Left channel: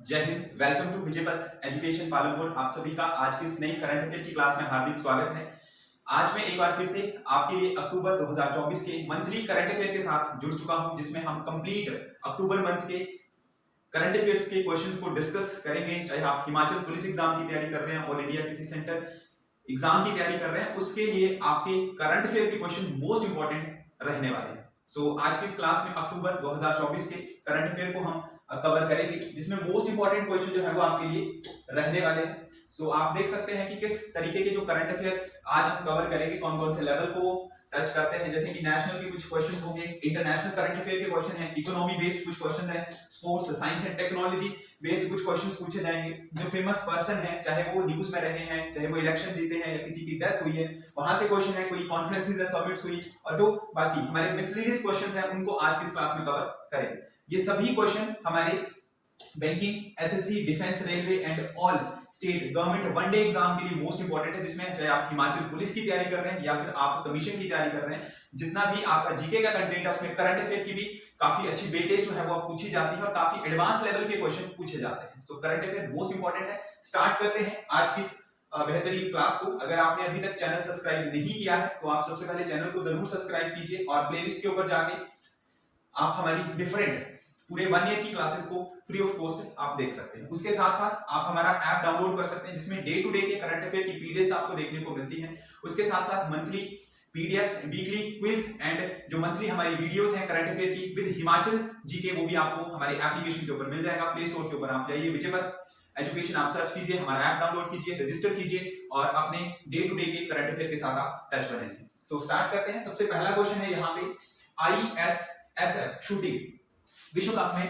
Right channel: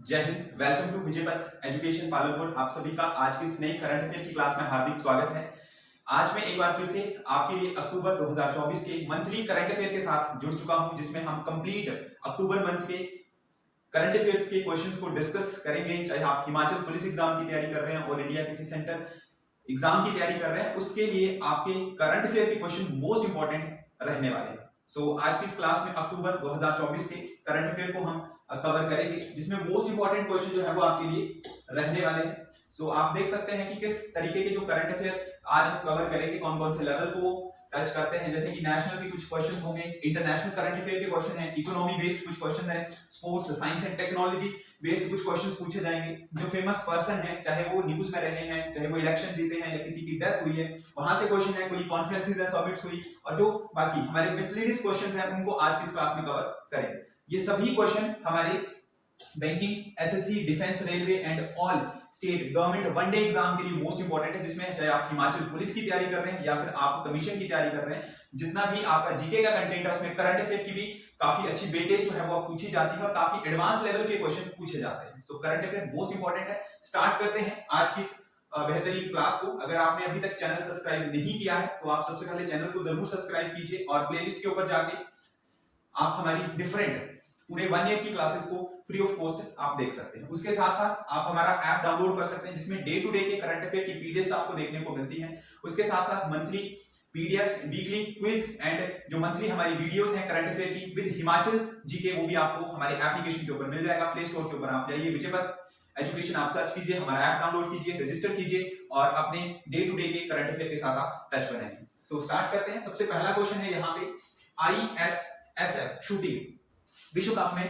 जय Hind. Welcome to विजय पथ education Palanpur. आप सभी का आज की इस नई करंट अफेयर की क्लास में हार्दिक स्वागत है। आज मैं एक बार फिर से आपके लिए अक्टूबर 2024 के मंथली करंट अफेयर के साथ जुड़ चुका हूं, जिसमें हम कंप्लीट अक्टूबर मंथ के करंट अफेयर्स के क्वेश्चंस को डिस्कस करेंगे। चाहे आप हिमाचल पुलिस एग्जाम की तैयारी कर रहे हैं, ऑल इंडिया किसी सेंटर एग्जाम की तैयारी कर रहे हैं, उसके लिए आपके करंट अफेयर के क्वेश्चन मोस्ट इंपॉर्टेंट रहने वाले हैं। आज की इस क्लास में अक्टूबर 2024 के करंट अफेयर को हम कवर करेंगे, जिसमें मोस्ट इंपॉर्टेंट क्वेश्चन जो है वो आपके लिए रहने वाले हैं। आप देख सकते हैं कि किस तरीके के जो करंट अफेयर आज हम कवर करेंगे, कौन कौन से लेवल को टच करते हैं। जैसे कि नेशनल के कुछ क्वेश्चन होंगे, इंटरनेशनल करंट अफेयर के क्वेश्चन है, इकोनॉमी बेस्ड कुछ क्वेश्चन है, sports science and technology based कुछ क्वेश्चंस पूछे जाएंगे। जो फेमस पर्सन है, चाहे वो न्यूज में रहे हैं, चाहे वो इलेक्शन जीते हैं या किसी की डेथ हुई है, वहां से क्वेश्चन है, कोई कॉन्फ्रेंसेस या समिट्स हुई, और जो बाकी हमारे मिसलेनियस क्वेश्चंस हैं उनको आज की इस क्लास में कवर करेंगे। ये सभी क्वेश्चन हमारे banking, SSC, defence, railway and all state government one day exam के लिए मोस्ट इंपॉर्टेंट है, जिसमें चाहे आप हिमाचल पुलिस की तैयारी कर रहे हैं या फिर आप कमीशन की तैयारी कर रहे हैं, जितना भी आपका जीके का कंटेंट है उसमें करंट अफेयर की भी काफी अच्छी वेटेज जो है वो पूछी जाती है और काफी एडवांस लेवल के क्वेश्चन पूछे जाते हैं। करंट अफेयर मोस्ट इंपॉर्टेंट है। स्टार्ट करते हैं आज की बेहतरीन क्लास को। अगर आपने अभी तक चैनल सब्सक्राइब नहीं किया है तो आप सबसे पहले चैनल को जरूर सब्सक्राइब कीजिए और प्लेलिस्ट के ऊपर जाके आप हमारी डिफरेंट पूरे 1 ईयर की क्लासेस को फ्री ऑफ कॉस्ट आप देख सकते हैं। उसके साथ साथ आप हमारा ऐप डाउनलोड कर सकते हैं, जिसमें डे टू डे के करंट अफेयर की पीडीएफ आपको देखने को मिलती है। उसके साथ साथ monthly PDFs, weekly quiz and जो मंथली हमारी वीडियोस हैं करंट अफेयर की विद हिमाचल जीके, वो भी आपको हमारे एप्लीकेशन के ऊपर मिल जाएगा। प्ले स्टोर के ऊपर आप जाइए, विजय पथ एजुकेशन आप सर्च कीजिए, हमारा ऐप डाउनलोड कीजिए, रजिस्टर कीजिए और अपने डे टू डे के करंट अफेयर के साथ आप टच में रहिए। स्टार्ट करते हैं। सबसे पहला क्वेश्चन है यहाँ पे, आईएसएसएफ शूटिंग विश्व कप में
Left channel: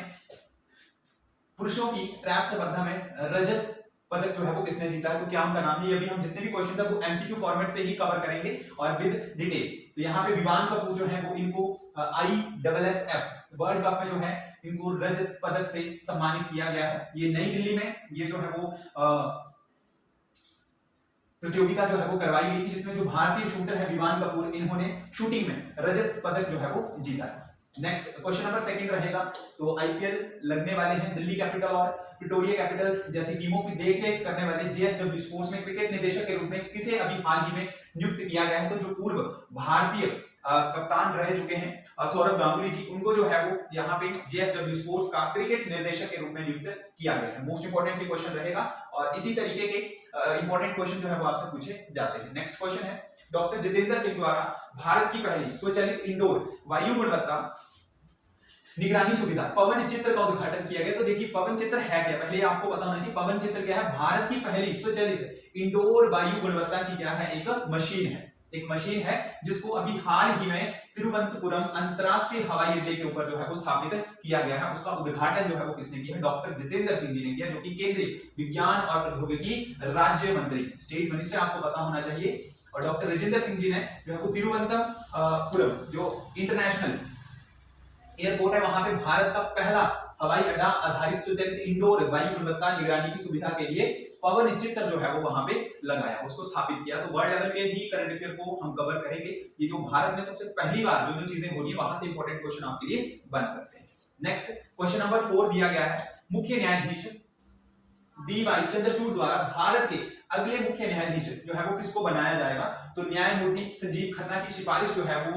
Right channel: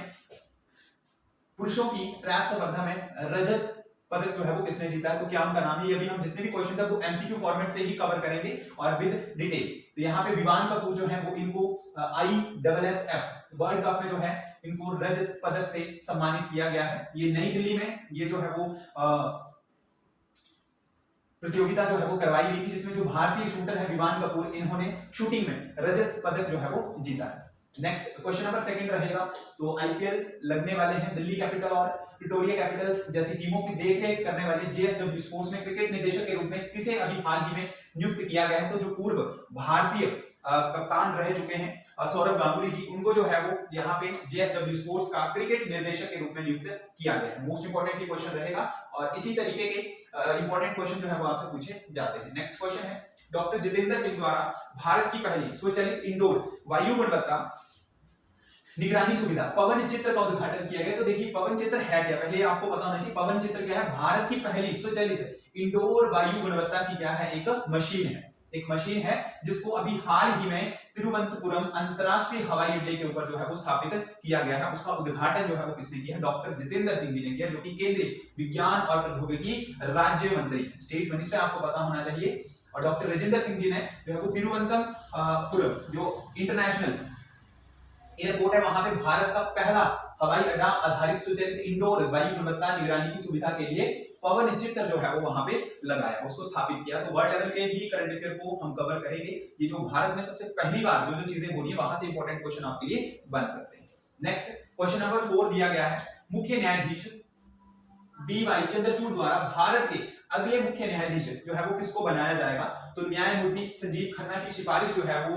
पुरुषों की ट्रैप स्पर्धा में रजत पदक जो है वो किसने जीता है, तो क्या उनका नाम है। अभी हम जितने भी क्वेश्चन है वो एमसीक्यू फॉर्मेट से ही कवर करेंगे और विद डिटेल। तो यहाँ पे विवान कपूर जो है वो इनको आईएसएसएफ वर्ल्ड कप में जो है इनको रजत पदक से सम्मानित किया गया है। ये नई दिल्ली में ये जो है वो प्रतियोगिता जो है वो करवाई गई थी, जिसमें जो भारतीय शूटर है विवान कपूर, इन्होंने शूटिंग में रजत पदक जो है वो जीता है। नेक्स्ट क्वेश्चन नंबर सेकंड रहेगा। तो आईपीएल लगने वाले हैं, दिल्ली कैपिटल और प्रिटोरिया कैपिटल्स जैसी टीमों की देखरेख करने वाले जीएसडब्ल्यू स्पोर्ट्स में क्रिकेट निदेशक के रूप में किसे अभी हाल ही में नियुक्त किया गया है, तो जो पूर्व भारतीय कप्तान रह चुके हैं सौरभ गांगुली जी, उनको जो है वो यहाँ पे जीएसडब्ल्यू स्पोर्ट्स का क्रिकेट निर्देशक के रूप में नियुक्त किया गया है। मोस्ट इंपोर्टेंट क्वेश्चन रहेगा और इसी तरीके के इंपॉर्टेंट क्वेश्चन जो है वो आपसे पूछे जाते हैं। नेक्स्ट क्वेश्चन है, डॉक्टर जितेंद्र सिंह द्वारा भारत की पहली स्वचालित इंडोर वायु गुणवत्ता निगरानी सुविधा पवन चित्र का उद्घाटन किया गया। तो देखिए पवन चित्र है क्या, पहले आपको पता होना चाहिए। पवन चित्र क्या है, भारत की पहली स्वचालित इंडोर वायु गुणवत्ता की क्या है, एक मशीन है। एक मशीन है जिसको अभी हाल ही में तिरुवनंतपुरम अंतरराष्ट्रीय हवाई अड्डे के ऊपर जो है वो स्थापित किया गया है। उसका उद्घाटन जो है वो किसने किया है, डॉक्टर जितेंद्र सिंह जी ने किया, जो कि केंद्रीय विज्ञान और प्रौद्योगिकी राज्य मंत्री, स्टेट मिनिस्टर, आपको पता होना चाहिए। और डॉक्टर राजेंद्र सिंह जी ने जो है वो तिरुवनंतपुरम जो इंटरनेशनल एयरपोर्ट है, वहां पे भारत का पहला हवाई अड्डा आधारित स्वचालित इंडोर वायु गुणवत्ता निगरानी की सुविधा के लिए पवन चित्र जो है वो वहां पे लगाया, उसको स्थापित किया। तो वर्ल्ड लेवल के भी करंट अफेयर को हम कवर करेंगे। ये जो भारत में सबसे पहली बार जो जो चीजें हो रही है, वहां से इंपॉर्टेंट क्वेश्चन आपके लिए बन सकते हैं। नेक्स्ट क्वेश्चन नंबर 4 दिया गया है, मुख्य न्यायाधीश डी.वाई. चंद्रचूड़ द्वारा भारत के अगले मुख्य न्यायाधीश जो है वो किसको बनाया जाएगा, तो न्यायमूर्ति संजीव खन्ना की सिफारिश जो है वो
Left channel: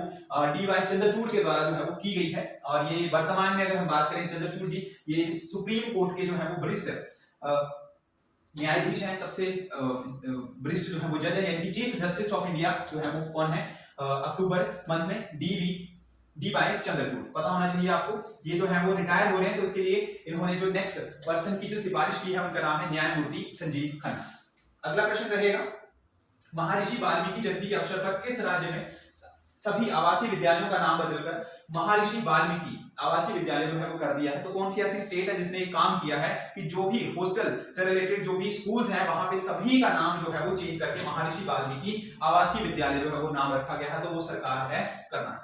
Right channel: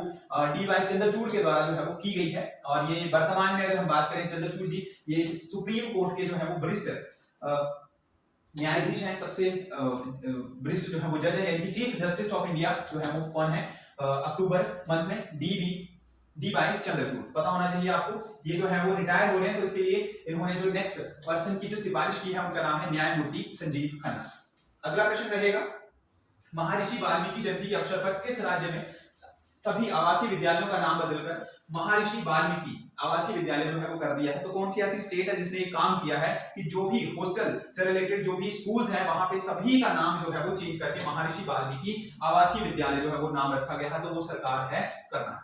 डी.वाई. चंद्रचूड़ के द्वारा जो है वो की गई है। और ये वर्तमान में अगर हम बात करें, चंद्रचूड़ जी ये सुप्रीम कोर्ट के जो है वो वरिष्ठ न्यायाधीश हैं, सबसे वरिष्ठ जो है वो जज है, यानी चीफ जस्टिस ऑफ इंडिया जो है वो कौन है अक्टूबर मंथ में, डी.वाई. चंद्रचूड़, पता होना चाहिए आपको। ये जो है वो रिटायर हो रहे हैं, तो इसके लिए इन्होंने जो नेक्स्ट पर्सन की जो सिफारिश की है उनका नाम है न्यायमूर्ति संजीव खन्ना। अगला प्रश्न रहेगा, महर्षि वाल्मीकि जयंती के अवसर पर किस राज्य में सभी आवासीय विद्यालयों का नाम बदलकर महर्षि वाल्मीकि आवासीय विद्यालय जो है वो कर दिया है। तो कौन सी ऐसी स्टेट है जिसने एक काम किया है कि जो भी हॉस्टल से रिलेटेड जो भी स्कूल्स हैं वहां पे सभी का नाम जो है वो चेंज करके महर्षि वाल्मीकि आवासीय विद्यालय जो है वो नाम रखा गया है, तो वो सरकार है कर्नाटक।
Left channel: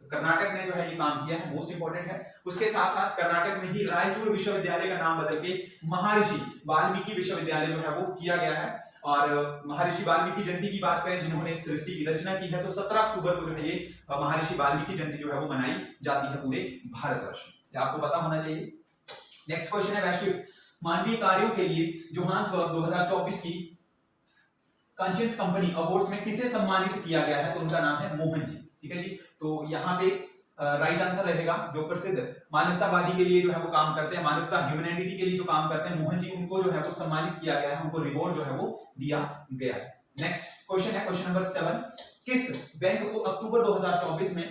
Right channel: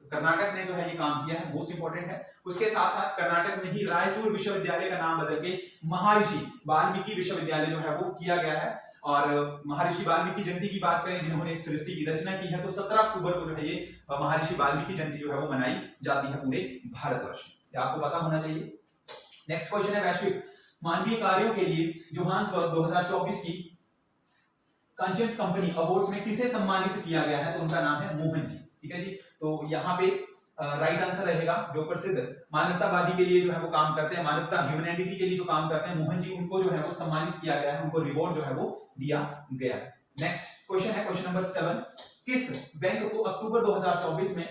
कर्नाटक ने जो है ये काम किया है, मोस्ट इंपोर्टेंट है। उसके साथ साथ कर्नाटक में ही रायचूर विश्वविद्यालय का नाम बदल के महर्षि वाल्मीकि विश्वविद्यालय जो है वो किया गया है। और महर्षि वाल्मीकि जयंती की बात करें, जिन्होंने इस सृष्टि की रचना की है, तो 17 अक्टूबर को जो है ये महर्षि वाल्मीकि जयंती जो है वो मनाई जाती है पूरे भारतवर्ष में, आपको पता होना चाहिए। नेक्स्ट क्वेश्चन है, वैश्विक मानवीय कार्यों के लिए जोहान्सबर्ग 2024 की कॉन्शियस कंपनी अवार्ड्स में किसे सम्मानित किया गया है? तो उनका नाम है मोहन जी। ठीक है जी, तो यहाँ पे राइट आंसर रहेगा जो प्रसिद्ध मानवतावादी के लिए जो है वो काम करते हैं, मानवता ह्यूमैनिटी के लिए जो काम करते हैं, मोहन जी, उनको जो है वो सम्मानित किया गया है, उनको रिवॉर्ड जो है वो दिया गया है। नेक्स्ट क्वेश्चन है क्वेश्चन नंबर 7, किस बैंक को अक्टूबर 2024 में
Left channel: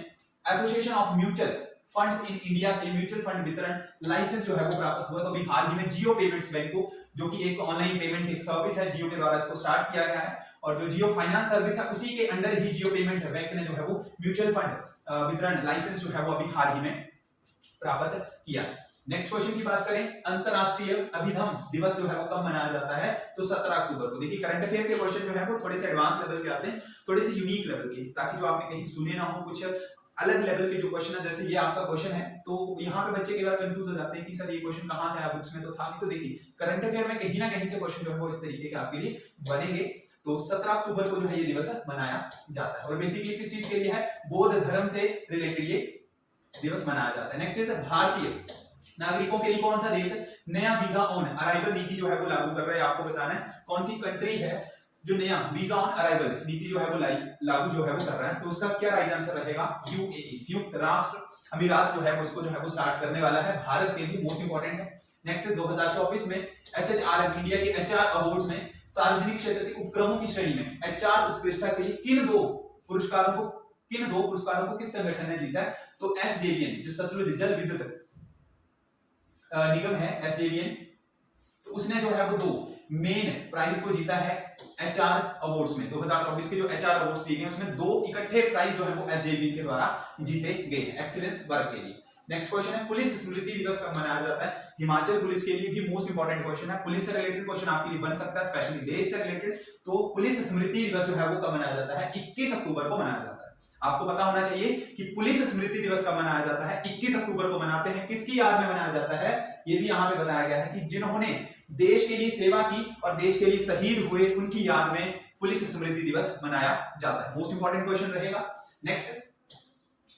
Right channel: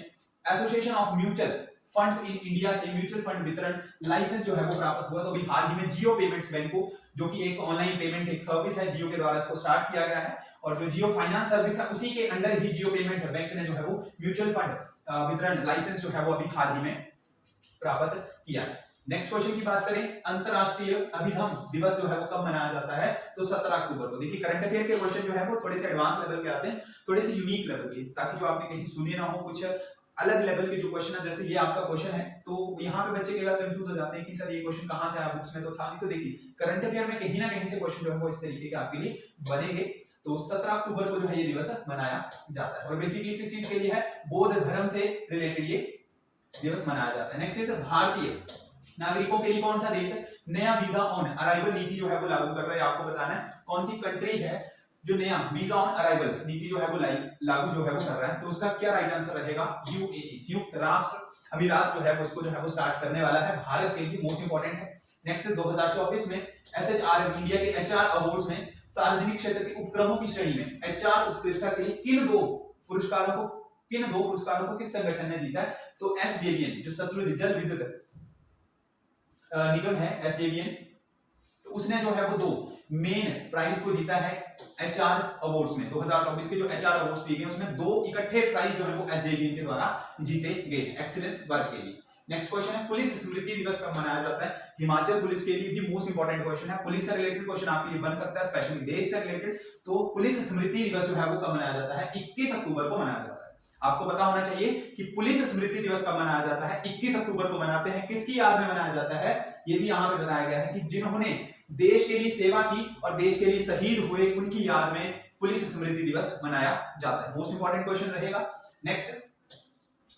association of mutual funds in India से म्यूचुअल फंड वितरण लाइसेंस जो है वो प्राप्त हुआ? तो अभी हाल ही में जियो पेमेंट्स बैंक को, जो कि एक ऑनलाइन पेमेंट एक सर्विस है, जियो के द्वारा इसको स्टार्ट किया गया है, और जो जियो फाइनेंस सर्विस है उसी के अंडर ही जियो पेमेंट बैंक ने जो है वो म्यूचुअल फंड वितरण लाइसेंस जो है वो अभी हाल ही में प्राप्त किया है। नेक्स्ट क्वेश्चन की बात करें, अंतरराष्ट्रीय अभिनव दिवस जो है वो कब मनाया जाता है? तो 17 अक्टूबर को। देखिए करंट अफेयर के क्वेश्चन जो है वो थोड़े से एडवांस लेवल के आते हैं, थोड़े से यूनिक लेवल के, ताकि जो आपने कहीं सुने ना हो, कुछ अलग लेवल के जो क्वेश्चन है, जैसे ये आपका क्वेश्चन है, तो यहाँ पे बच्चे कई बार कंफ्यूज हो जाते हैं कि सर ये क्वेश्चन कहाँ से आया, बुक्स में तो था नहीं। तो देखिए करंट अफेयर में कहीं ना कहीं से क्वेश्चन जो है वो इस तरीके के आपके लिए बनेंगे। तो 17 अक्टूबर को जो है ये दिवस मनाया जाता है, और बेसिकली किस चीज के लिए है? बौद्ध धर्म से रिलेटेड ये दिवस मनाया जाता है। नेक्स्ट इज भारतीय नागरिकों के लिए कौन सा देश है नया वीजा ऑन अराइवल नीति जो है वो लागू कर रहा है? आपको बताना है कौन सी कंट्री है जो नया वीजा ऑन अराइवल नीति जो है वो लागू जो है वो कर रहा है। तो उसका क्या राइट आंसर रहेगा? यूएई, संयुक्त राष्ट्र अमीरात जो है उसको जो है वो स्टार्ट करने वाला है, भारत के लिए मोस्ट इंपोर्टेंट है। नेक्स्ट 2024 में एसएचआरएम इंडिया के एचआर अवार्ड्स में सार्वजनिक क्षेत्र के उपक्रमों की श्रेणी में एचआर उत्कृष्टता के लिए किन दो पुरस्कारों को किस संगठन ने जीता है? तो एसजेवीएन, जो सतलुज जल विद्युत निगम है, एसजेवीएन, तो उसने जो है वो दो मेन प्राइज को जीता है एचआर अवार्ड्स में। 2024 के जो एचआर अवार्ड्स दिए गए उसमें दो इकट्ठे प्राइज जो है वो एसजेवीएन के द्वारा जीते गए एक्सीलेंस वर्क के लिए। नेक्स्ट क्वेश्चन है पुलिस स्मृति दिवस कब मनाया जाता है? हिमाचल पुलिस के लिए भी मोस्ट इंपोर्टेंट क्वेश्चन है, पुलिस से रिलेटेड क्वेश्चन आपके लिए बन सकता है, स्पेशली देश से रिलेटेड। तो पुलिस स्मृति दिवस जो है वो कब मनाया जाता है? 21 अक्टूबर को मनाया जाता है। आपको पता होना चाहिए कि पुलिस स्मृति दिवस कब मनाया जाता है? 21 अक्टूबर को मनाते हैं। किसकी याद में मनाया जाता है? ये भी यहाँ पे बताया गया है कि जिन्होंने देश के लिए सेवा की और देश के लिए शहीद हुए, उनकी याद में पुलिस स्मृति दिवस मनाया जाता है। मोस्ट इंपोर्टेंट क्वेश्चन रहेगा। नेक्स्ट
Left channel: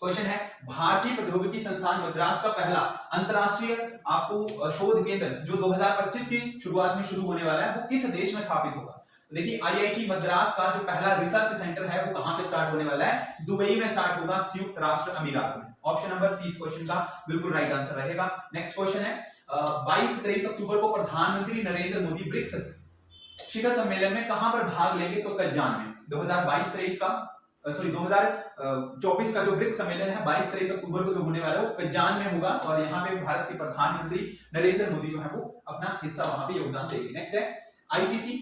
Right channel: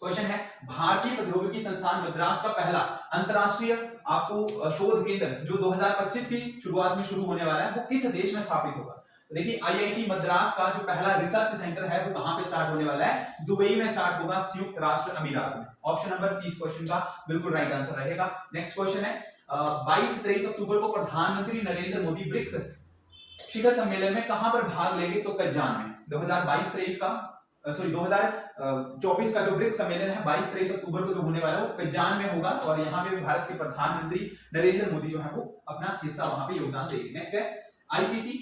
क्वेश्चन है भारतीय प्रौद्योगिकी संस्थान मद्रास का पहला अंतरराष्ट्रीय आपको शोध केंद्र जो 2025 की शुरुआत में शुरू होने वाला है वो किस देश में स्थापित होगा? तो देखिए आईआईटी मद्रास का जो पहला रिसर्च सेंटर है वो कहां पे स्टार्ट होने वाला है? दुबई में स्टार्ट होगा, संयुक्त राष्ट्र अमीरात में। ऑप्शन नंबर सी इस क्वेश्चन का बिल्कुल राइट आंसर रहेगा। नेक्स्ट क्वेश्चन है 22-23 अक्टूबर को प्रधानमंत्री नरेंद्र मोदी ब्रिक्स शिखर सम्मेलन में कहां पर भाग लेंगे? तो कज्जान में। 2022-23 का 2024 का जो ब्रिक्स सम्मेलन है 22-23 अक्टूबर को जो होने वाला है वो कज्जान में होगा, और यहाँ पे भारत के प्रधानमंत्री नरेंद्र मोदी जो है वो अपना हिस्सा वहां पे योगदान देंगे। नेक्स्ट है आईसीसी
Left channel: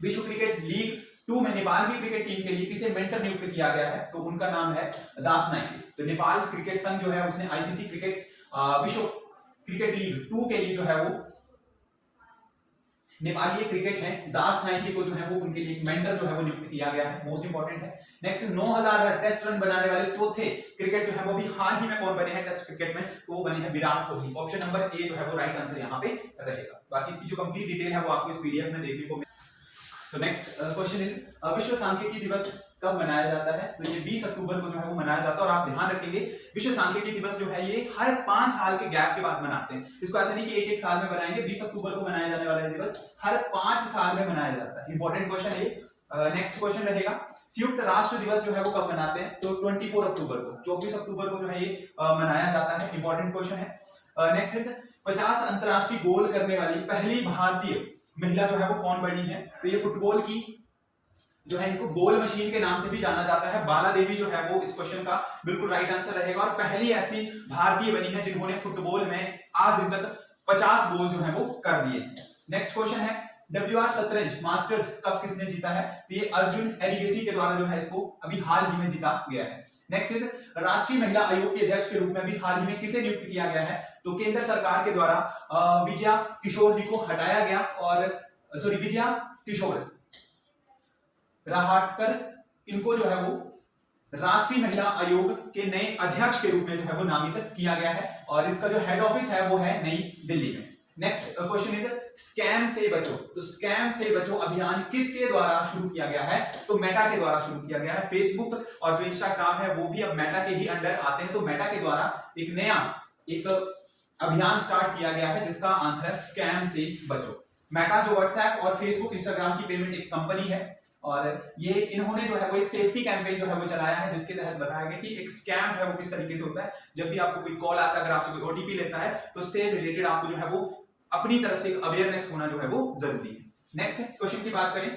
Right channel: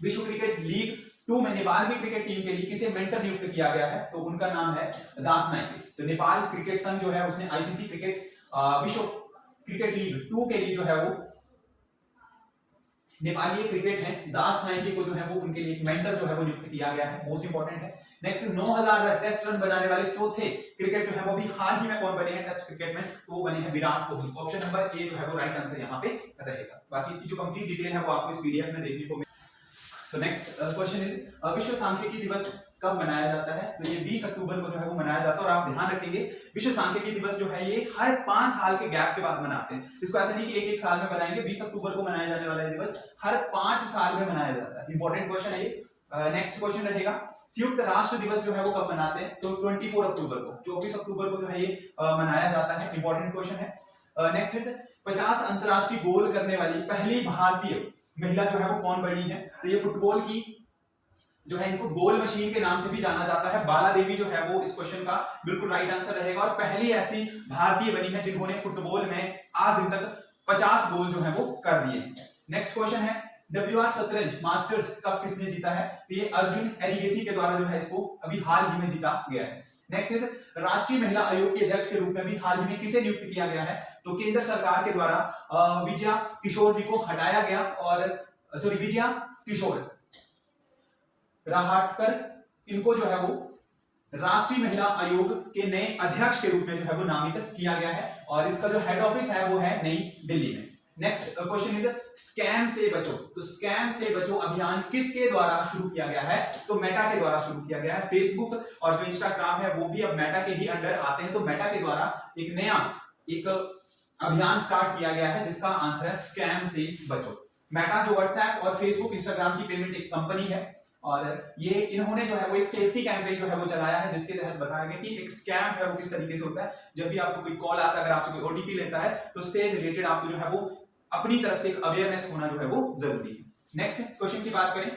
विश्व क्रिकेट लीग 2 में नेपाल की क्रिकेट टीम के लिए किसे मेंटर नियुक्त किया गया है? तो उनका नाम है दास नाइके। तो नेपाल क्रिकेट संघ जो है उसने आईसीसी क्रिकेट विश्व क्रिकेट लीग 2 के लिए जो है वो नेपाली क्रिकेट है दास नाइके को जो है वो उनके लिए एक मेंटर जो है वो नियुक्त किया गया है, मोस्ट इंपोर्टेंट है। नेक्स्ट 9000 टेस्ट रन बनाने वाले चौथे क्रिकेट जो है वो भी हाल ही में कौन बने हैं टेस्ट क्रिकेट में? तो वो बने हैं Virat Kohli. Option number A जो है वो राइट आंसर यहाँ पे रहेगा। बाकी इसकी जो कंप्लीट डिटेल है वो आपको इस पीडीएफ में देखने को मिलेगी। सो नेक्स्ट क्वेश्चन इज विश्व सांख्यिकी दिवस कब मनाया जाता है? तो ये 20 अक्टूबर को जो है वो मनाया जाता है, और आप ध्यान रखेंगे विश्व सांख्यिकी दिवस जो है ये हर 5 साल के गैप के बाद मनाते हैं। इसको ऐसा नहीं कि एक साल में मनाएंगे, 20 अक्टूबर को मनाया जाने वाला दिवस हर 5 साल में मनाया जाता है। इंपॉर्टेंट क्वेश्चन है ये। नेक्स्ट क्वेश्चन रहेगा संयुक्त राष्ट्र दिवस जो है वो कब मनाते हैं? तो 24 अक्टूबर को। 24 अक्टूबर को जो है ये मनाया जाता है। इंपॉर्टेंट क्वेश्चन है। नेक्स्ट इज 50 अंतरराष्ट्रीय गोल करने वाली पहली भारतीय महिला जो है वो कौन बनी है? तो ये फुटबॉल की जो है इनको गोल मशीन के नाम से भी जाना जाता है, बाला देवी जो है वो इस क्वेश्चन का बिल्कुल राइट आंसर रहेगा, और पहली ऐसी भारतीय बनी है जिन्होंने फुटबॉल में आज दिन तक 50 गोल जो है वो कर दिए हैं। नेक्स्ट क्वेश्चन है WR शतरंज मास्टर्स कप किसने जीता है? तो ये अर्जुन एडिगेसी के द्वारा जो है इसको अभी हाल ही में जीता गया है। नेक्स्ट इज राष्ट्रीय महिला आयोग के अध्यक्ष के रूप में अभी हाल ही में किसे नियुक्त किया गया है? तो केंद्र सरकार के द्वारा विजया किशोर जी को हटाया गया, और विजया किशोर राहटकर इनको जो है वो राष्ट्रीय महिला आयोग के नए अध्यक्ष के रूप में जो है वो नामित किया गया है, और इसका जो हेड ऑफिस है वो है नई दिल्ली में। नेक्स्ट क्वेश्चन इज स्कैम से बचो। तो स्कैम से बचो अभियान किसके द्वारा शुरू किया गया है? तो मेटा के द्वारा शुरू किया गया है। फेसबुक और जो इंस्टाग्राम है वो भी अब मेटा के ही अंडर आते हैं, तो मेटा के द्वारा एक नया एक अभियान स्टार्ट किया गया है जिसका आंसर है स्कैम से बचो। मेटा जो व्हाट्सएप और फेसबुक इंस्टाग्राम की पेमेंट एक कंपनी है और ये इन्होंने जो है वो एक सेफ्टी कैंपेन जो है वो चलाया है जिसके तहत बताया गया कि एक स्कैम जो है वो किस तरीके से होता है। जब भी आपको कोई कॉल आता है, अगर आपसे कोई ओटीपी लेता है तो उससे रिलेटेड आपको जो है वो अपनी तरफ से एक अवेयरनेस होना जो है वो जरूरी है। नेक्स्ट क्वेश्चन की बात करें,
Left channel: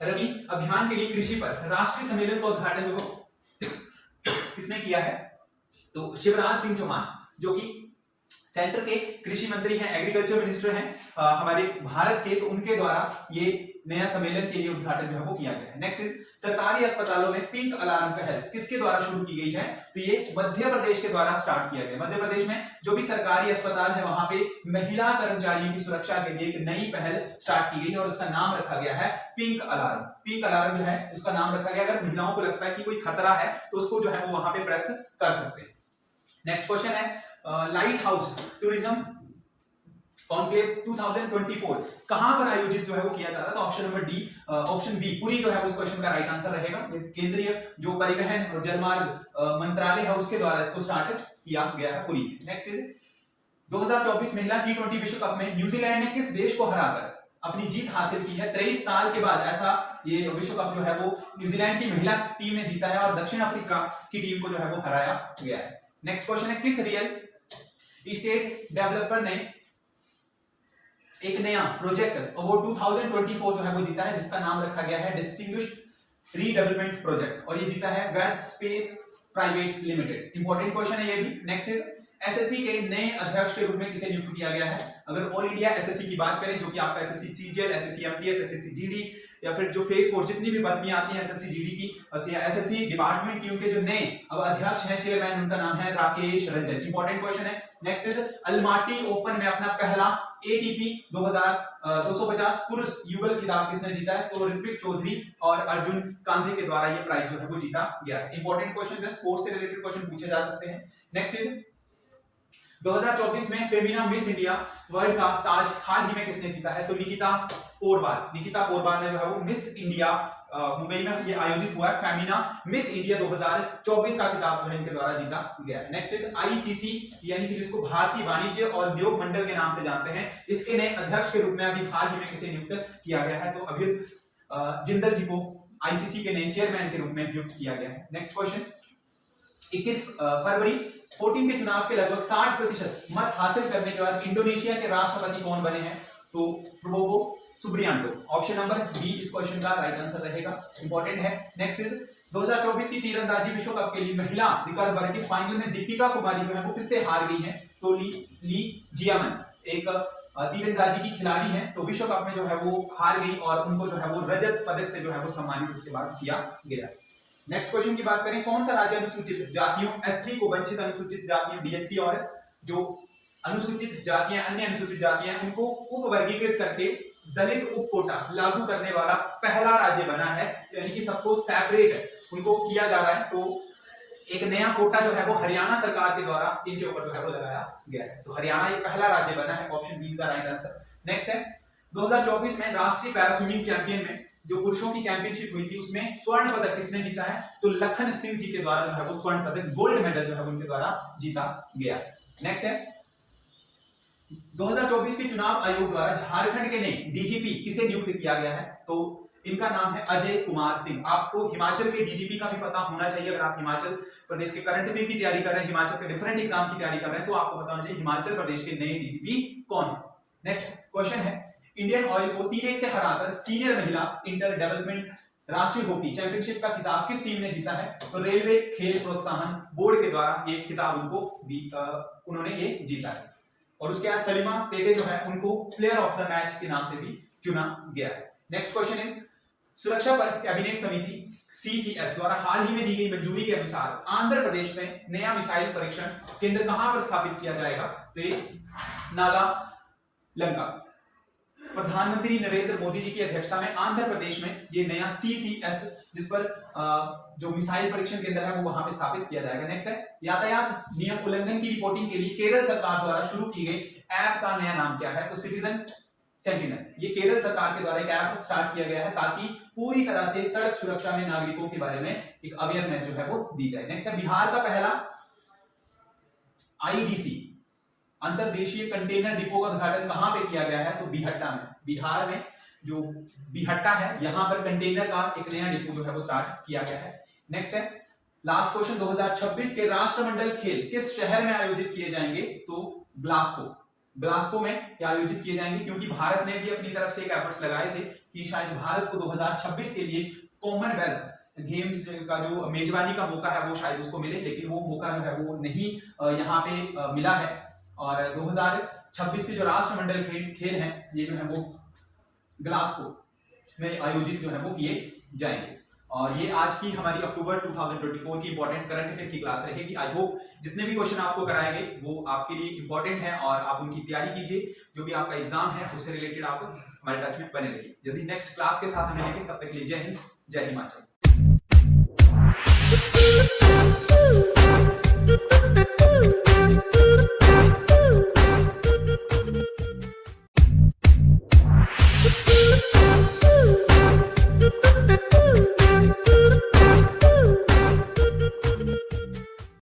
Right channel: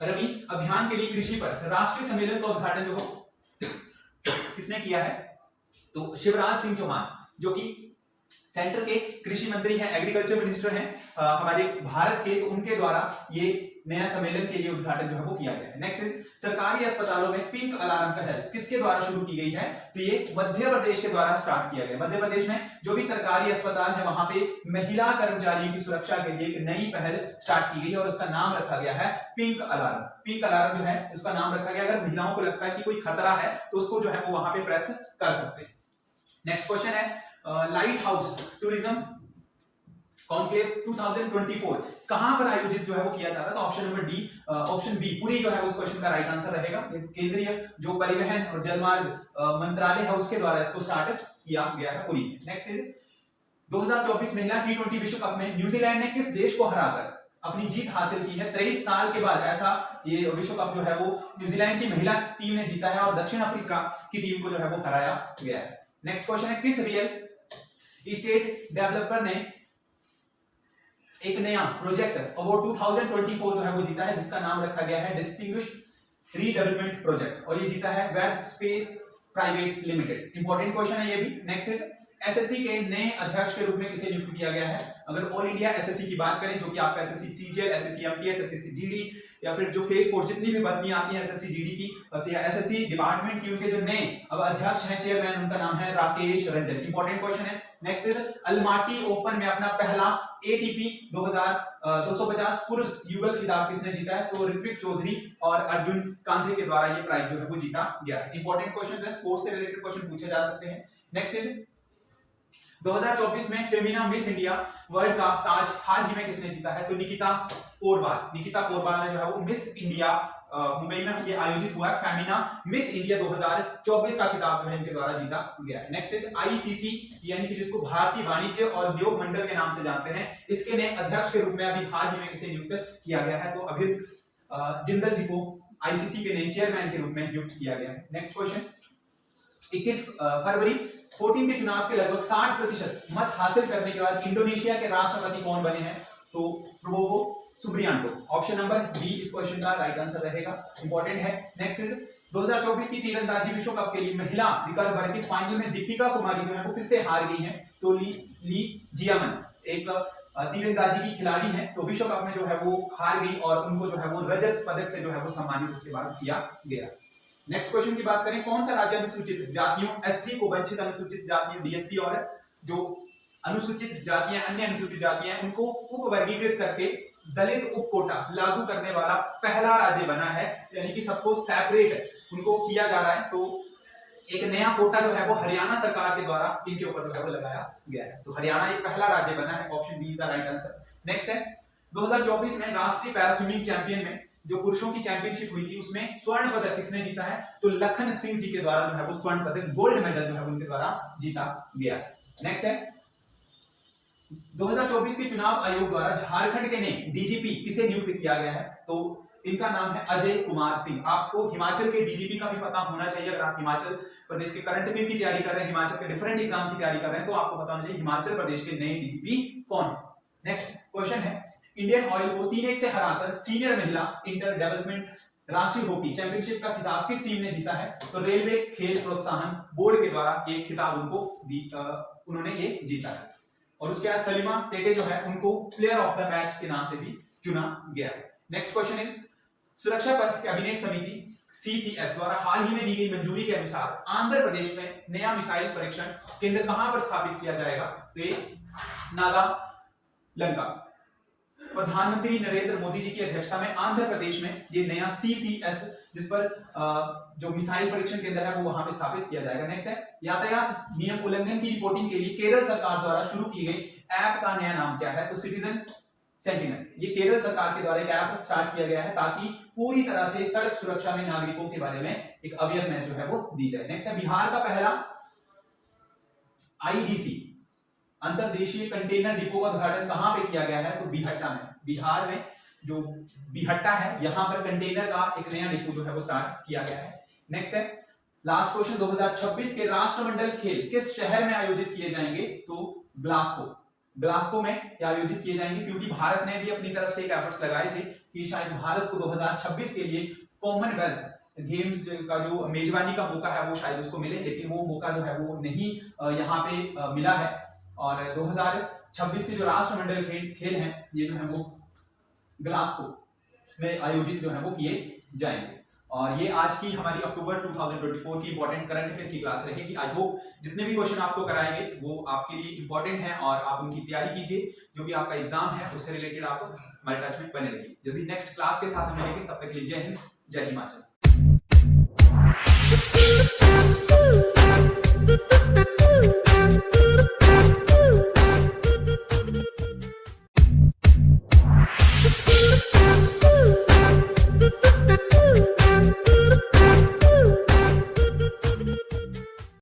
रवि अभियान के लिए कृषि पर राष्ट्रीय सम्मेलन का उद्घाटन जो किसने किया है? तो शिवराज सिंह चौहान जो कि सेंटर के कृषि मंत्री हैं, एग्रीकल्चर मिनिस्टर हैं हमारे भारत के, तो उनके द्वारा ये नया सम्मेलन के लिए उद्घाटन जो है वो किया गया है। नेक्स्ट इज सरकारी अस्पतालों में पिंक अलार्म पहल किसके द्वारा शुरू की गई है? तो ये मध्य प्रदेश के द्वारा स्टार्ट किया गया। मध्य प्रदेश में जो भी सरकारी अस्पताल है वहां पे महिला कर्मचारियों की सुरक्षा के लिए एक नई पहल स्टार्ट की गई और उसका नाम रखा गया है पिंक अलार्म। पिंक अलार्म जो है उसका नाम रखा गया, अगर महिलाओं को लगता है कि कोई खतरा है तो उसको जो है वो वहां पे प्रेस कर सकते हैं। नेक्स्ट क्वेश्चन है लाइट हाउस टूरिज्म कॉन्क्लेव 2024 कहां पर आयोजित जो है वो किया जा रहा है? तो option number D, option B पूरी जो है उस क्वेश्चन का राइट आंसर रहेगा। केंद्रीय जो परिवहन और जलमार्ग मंत्रालय है उसके द्वारा इसको स्टार्ट किया गया है पुरी में। नेक्स्ट इज 2024 महिला टी20 विश्व कप में न्यूजीलैंड ने किस देश को हराकर अपनी जीत हासिल की है? 23 साल के बाद ऐसा ये विश्व कप जो है वो न्यूजीलैंड की महिला टीम ने जीता है और दक्षिण अफ्रीका की टीम को जो है वो हराया गया है। नेक्स्ट क्वेश्चन है किस रियल एस्टेट डेवलपर ने एक नया प्रोजेक्ट अवार्ड 2024 जो है वो जीता है जिसका नाम रखा गया है डिस्ट्रिब्यूट रीडेवलपमेंट प्रोजेक्ट और ये जीता है web space private limited. Important question है ये भी। नेक्स्ट इज एसएससी के नए अध्यक्ष के रूप में किसे नियुक्त किया गया है? अगर ऑल इंडिया एसएससी की बात करें जो कि आपका SSC CGL, SSC MTS, SSC GD या फिर जो फेज 4 जितनी भी भर्तियां आती हैं एसएससी जीडी की या एसएससी डिपार्टमेंट की, उनके जो नए अब अध्यक्ष हैं, चेयरमैन, उनका नाम है राकेश रंजन। इंपॉर्टेंट क्वेश्चन है। नेक्स्ट इज अल्माटी ओपन में अपना पहला एटीपी 250 पुरुष युगल खिताब किसने जीता है? तो ऋत्विक चौधरी और अर्जुन कांधे के द्वारा ये प्राइज जो है वो जीता गया है। इंपॉर्टेंट क्वेश्चन है, स्पोर्ट्स से रिलेटेड क्वेश्चन पूछे जा सकते हैं। नेक्स्ट इज 2024 में फेमिना मिस इंडिया वर्ल्ड का ताज हाल ही में किसने जीता है? तो निकिता पोरबाल। निकिता पोरबाल ने जो है वो मिस इंडिया मुंबई में ये आयोजित हुआ है फेमिना मिस इंडिया 2024 का खिताब जो है इनके द्वारा जीता गया है। नेक्स्ट इज आईसीसी यानी कि जिसको भारतीय वाणिज्य और उद्योग मंडल के नाम से जानते हैं, इसके नए अध्यक्ष के रूप में अभी हाल ही में किसे नियुक्त किया गया है? तो अभिजीत जिंदल जी को आईसीसी के नए चेयरमैन के रूप में नियुक्त किया गया है। नेक्स्ट क्वेश्चन 21 फरवरी 14 के चुनाव के लगभग 60% मत हासिल करने के बाद इंडोनेशिया के राष्ट्रपति कौन बने हैं? तो प्रबोवो सुब्रियांटो। ऑप्शन नंबर बी इस क्वेश्चन का राइट आंसर रहेगा। इंपॉर्टेंट है। नेक्स्ट इज 2024 की तीरंदाजी विश्व कप के लिए महिला रिकर्व वर्ग की फाइनल में दीपिका कुमारी जो है वो किससे हार गई हैं? तो ली जियामन एक तीरंदाजी की खिलाड़ी हैं, तो विश्व कप में जो है वो हार गई और उनको जो है वो रजत पदक से जो है वो सम्मानित उसके बाद किया गया। नेक्स्ट क्वेश्चन की बात करें, कौन सा राज्य अनुसूचित जातियों एससी को वंचित अनुसूचित जातियों डीएससी और जो अनुसूचित जातियां अन्य अनुसूचित जातियां उनको उप वर्गीकृत करके दलित उप कोटा लागू करने वाला पहला राज्य बना है, यानी कि सबको सेपरेट उनको किया जा रहा है। तो एक नया कोटा जो है वो हरियाणा सरकार के द्वारा इनके ऊपर जो है वो लगाया गया है, तो हरियाणा ये पहला राज्य बना है। Option B is the right answer. Next है 2024 में राष्ट्रीय पैरा स्विमिंग चैंपियन में जो पुरुषों की चैंपियनशिप हुई थी उसमें स्वर्ण पदक किसने जीता है? तो लखन सिंह जी के द्वारा जो है वो स्वर्ण पदक गोल्ड मेडल जो है उनके द्वारा जीता गया। नेक्स्ट है 2024 के चुनाव आयोग द्वारा झारखंड के नए डीजीपी किसे नियुक्त किया गया है? तो इनका नाम है अजय कुमार सिंह। आपको हिमाचल के डीजीपी का भी पता होना चाहिए। अगर आप हिमाचल प्रदेश के करंट अफेयर की तैयारी कर रहे हैं, हिमाचल के डिफरेंट एग्जाम की तैयारी कर रहे हैं, तो आपको पता होना चाहिए हिमाचल प्रदेश के नए डीजीपी कौन है। नेक्स्ट क्वेश्चन है इंडियन ऑयल को 3-1 से हराकर सीनियर महिला इंटर डेवलपमेंट राष्ट्रीय हॉकी चैंपियनशिप का खिताब किस टीम ने जीता है? तो रेलवे खेल प्रोत्साहन बोर्ड के द्वारा ये खिताब उनको उन्होंने ये जीता है। और उसके बाद सलीमा टेटे जो है उनको प्लेयर ऑफ द मैच के नाम से भी चुना गया है। नेक्स्ट क्वेश्चन इज सुरक्षा पर कैबिनेट समिति सीसीएस द्वारा हाल ही में दी गई मंजूरी के अनुसार आंध्र प्रदेश में नया मिसाइल परीक्षण केंद्र कहां पर स्थापित किया जाएगा? तो ये नागालैंड। प्रधानमंत्री नरेंद्र मोदी जी की अध्यक्षता में आंध्र प्रदेश में ये नया सीसीएस जिस पर जो मिसाइल परीक्षण केंद्र है वो वहां पे स्थापित किया जाएगा। नेक्स्ट है यातायात नियम उल्लंघन की रिपोर्टिंग के लिए केरल सरकार द्वारा शुरू की गई ऐप का नया नाम क्या है? तो सिटीजन सेंटिनल। ये केरल सरकार के द्वारा एक ऐप स्टार्ट किया गया है ताकि पूरी तरह से सड़क सुरक्षा में नागरिकों के बारे में एक अवेयरनेस जो है वो दी जाए। नेक्स्ट है बिहार का पहला आईडीसी अंतरदेशीय कंटेनर डिपो का उद्घाटन कहां पे किया गया है? तो बीहट्टा में, बिहार में जो बीहट्टा है यहां पर कंटेनर का एक नया डिपो जो है वो स्टार्ट किया गया है। नेक्स्ट है लास्ट क्वेश्चन, 2026 के राष्ट्रमंडल खेल किस शहर में आयोजित किए जाएंगे? तो ग्लासगो, ग्लासगो में क्या आयोजित किए जाएंगे? क्योंकि भारत ने भी अपनी तरफ से एक एफर्ट्स लगाए थे कि शायद भारत को 2026 के लिए कॉमनवेल्थ गेम्स का जो मेजबानी का मौका है वो शायद उसको मिले, लेकिन वो मौका जो है वो नहीं यहाँ पे मिला है। और 2026 के जो राष्ट्रमंडल खेल हैं ये जो है वो ग्लासगो में आयोजित जो है वो किए जाएंगे। और ये आज की हमारी अक्टूबर 2024 की इंपॉर्टेंट करंट अफेयर की क्लास रहेगी। आई होप जितने भी क्वेश्चन आपको कराएंगे वो आपके लिए इंपॉर्टेंट हैं और आप उनकी तैयारी कीजिए। जो भी आपका एग्जाम है उससे रिलेटेड आप हमारे टच में बने रहिए। जल्दी नेक्स्ट क्लास के साथ मिलेंगे, तब तक के लिए जय हिंद, जय हिमाचल।